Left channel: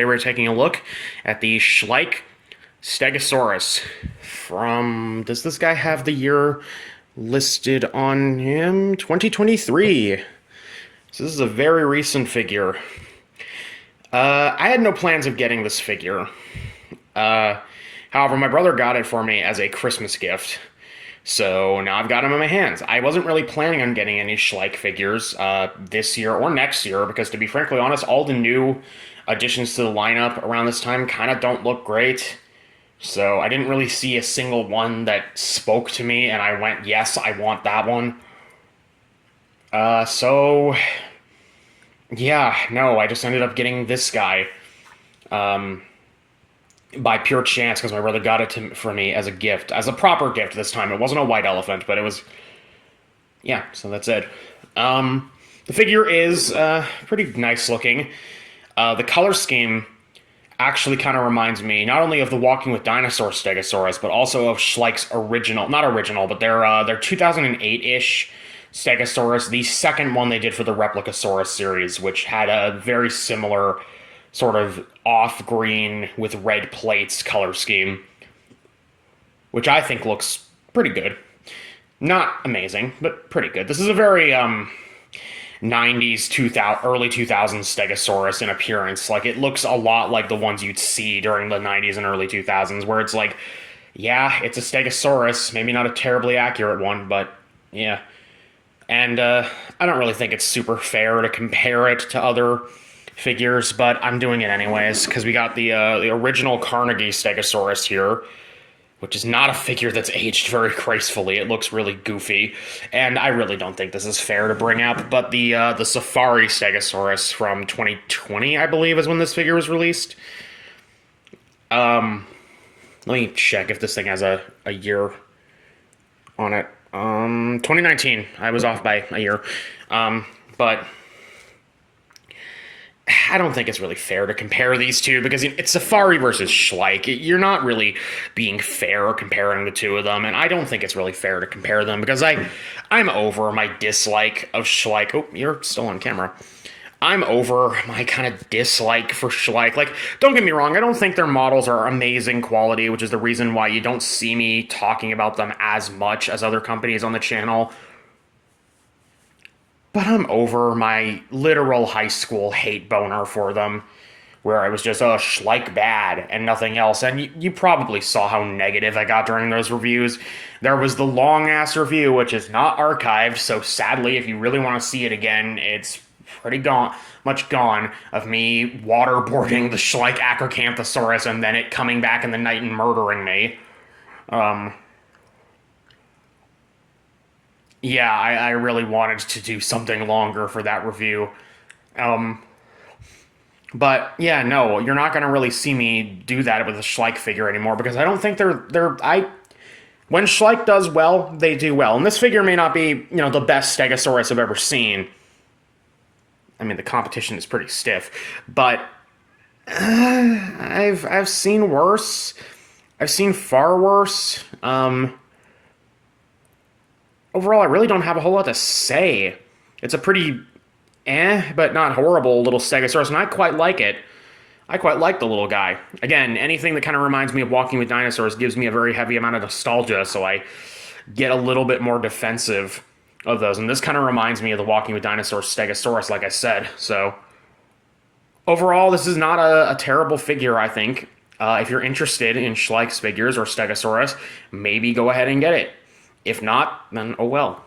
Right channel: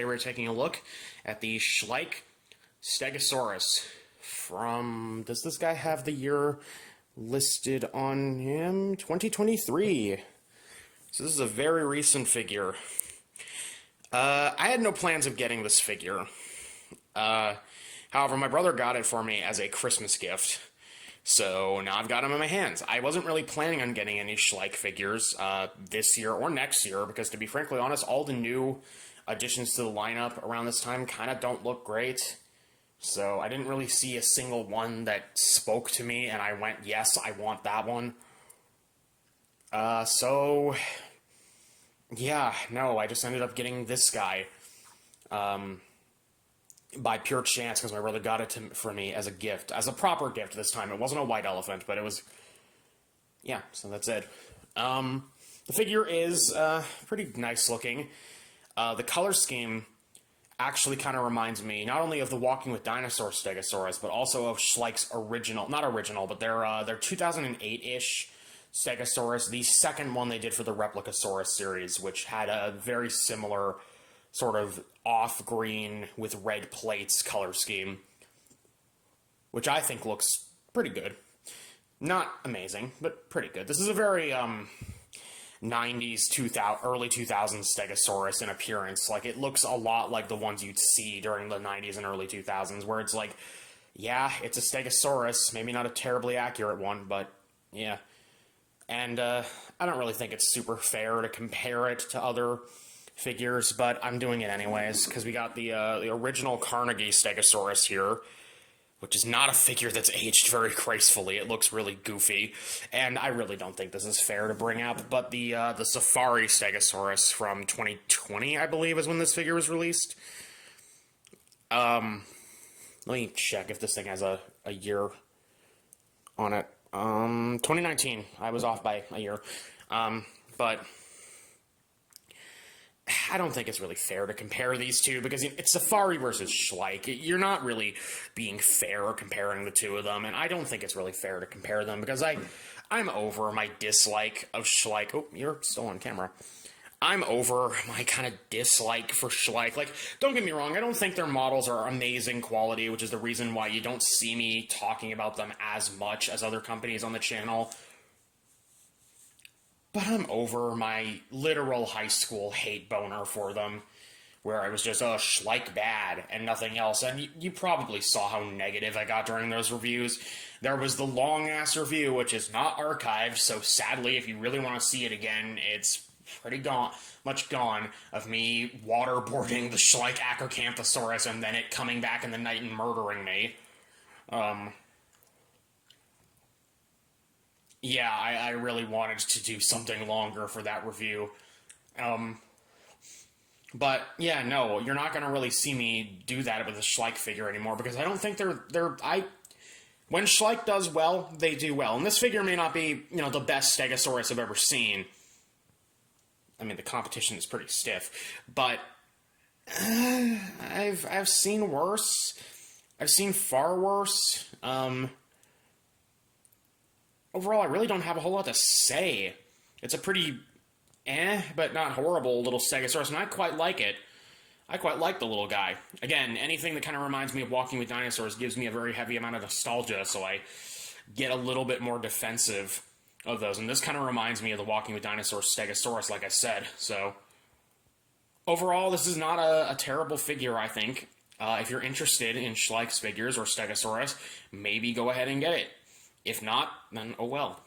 today we're taking a look at the Schleich Stegosaurus from, does this guy have the year listed on him? 2023. So this is a very recent figure. I had no plans of getting this figure. However, my brother got it for me as a Christmas gift. So now I've got him in my hands. I wasn't really planning on getting any Schleich figures this year or next year because, to be frankly honest, all the new additions to the lineup around this time kind of don't look great. So I didn't really see a single one that spoke to me and I went, yes, I want that one. So yeah, no, I just ended up getting this guy by pure chance because my brother got it for me as a gift, as a proper gift this time. It wasn't a white elephant, but it was, yeah, so that's it. The figure is pretty nice looking. The color scheme actually kind of reminds me not only of the Walking with Dinosaur Stegosaurus, but also of Schleich's original, not original, but their 2008-ish Stegosaurus, the second one they did for the Replicasaurus series, which had a very similar sort of off-green with red plates color scheme, which I think looks pretty good. Not amazing, but pretty good. This is a very 90s, 2000, early 2000s Stegosaurus in appearance. Like, it looks a lot like the ones you'd see during the 90s and early 2000s, where it's like, yeah, it's a Stegosaurus, maybe not a terribly accurate one, but yeah. And I don't really think it's super fair to compare it to other figures, but I'm doing it anyways, because we got the original Carnegie Stegosaurus here, which is not a figure that's aged very gracefully. It looks really goofy, and I really don't think this is fair to bring up, but the Safari Stegosaurus from 2020, I believe, is when this figure was released. Let me check if this thing has a year on it. 2019. I was off by a year. But I don't think it's really fair to compare these two because it's Safari versus Schleich. You're not really being fair comparing the two of them, and I don't think it's really fair to compare them because I'm over my dislike of Schleich. Oh, you're still on camera. I'm over my kind of dislike for Schleich. Like, don't get me wrong, I don't think their models are amazing quality, which is the reason why you don't see me talking about them as much as other companies on the channel. But I'm over my literal high school hate boner for them, where I was just, oh, Schleich bad and nothing else. And you probably saw how negative I got during those reviews. There was the long-ass review, which is not archived, so sadly, if you really want to see it again, it's pretty much gone, of me waterboarding the Schleich Acrocanthosaurus and then it coming back in the night and murdering me. Yeah, I really wanted to do something longer for that review. But yeah, no, you're not going to really see me do that with a Schleich figure anymore because I don't think when Schleich does well, they do well. And this figure may not be, the best Stegosaurus I've ever seen. I mean, the competition is pretty stiff, but I've seen worse. I've seen far worse. Overall, I really don't have a whole lot to say. It's a pretty but not horrible little Stegosaurus, and I quite like it. I quite like the little guy. Again, anything that kind of reminds me of Walking with Dinosaurs gives me a very heavy amount of nostalgia, so I get a little bit more defensive of those. And this kind of reminds me of the Walking with Dinosaurs Stegosaurus, like I said. So overall, this is not a terrible figure, I think. If you're interested in Schleich's figures or Stegosaurus, maybe go ahead and get it. If not, then oh well.